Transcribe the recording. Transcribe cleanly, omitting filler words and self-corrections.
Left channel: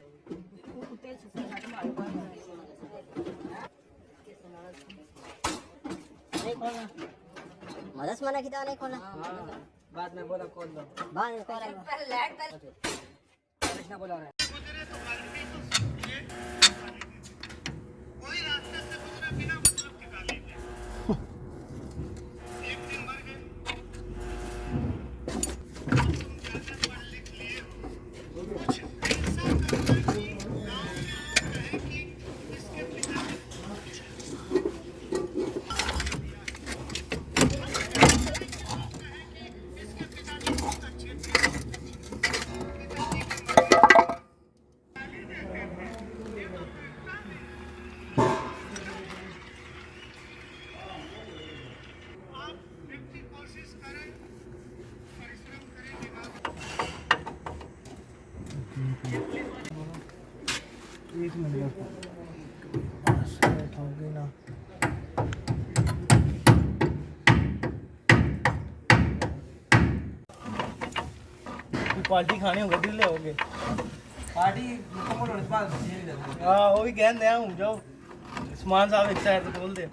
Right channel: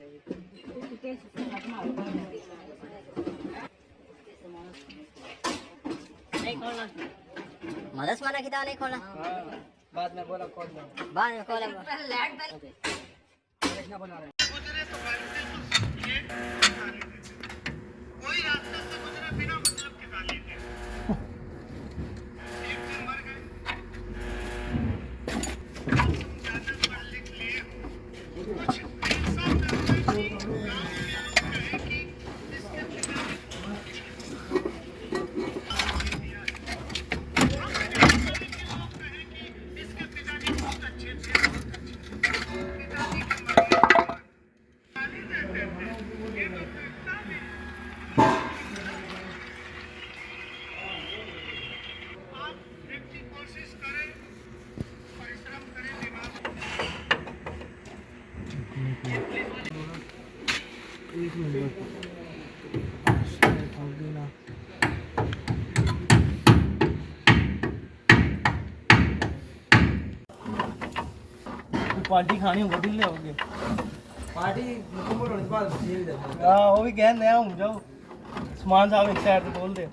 नहीं खोलना, मदद मना की नहीं खोलना। बाद में बोला खोल दो, बाद में खोला क्या बोला रहा है? कोई रास्ते से गुजरा बिना मतलब के गाली दे। एक दिन मर गए, आप ज्यादा पढ़ लिख लिए हो, कुछ ऐसा करना कि गाँव के लोग कहें कि इसके पिता ने इसके पिताजी बहुत अच्छे थे, पिताजी की गाली देते थे। ये तो इतना भी आप व्यक्ति कोशिश करें, परिश्रम करें, दिमाग एक नंबर पार्टी खानी हो गड्डी ले आओगे पार्टी मुझे बोलो इस बार ये भी देते हाँ वो भी कहते हैं हम जाओ समान साहब एक साइड से बोल दे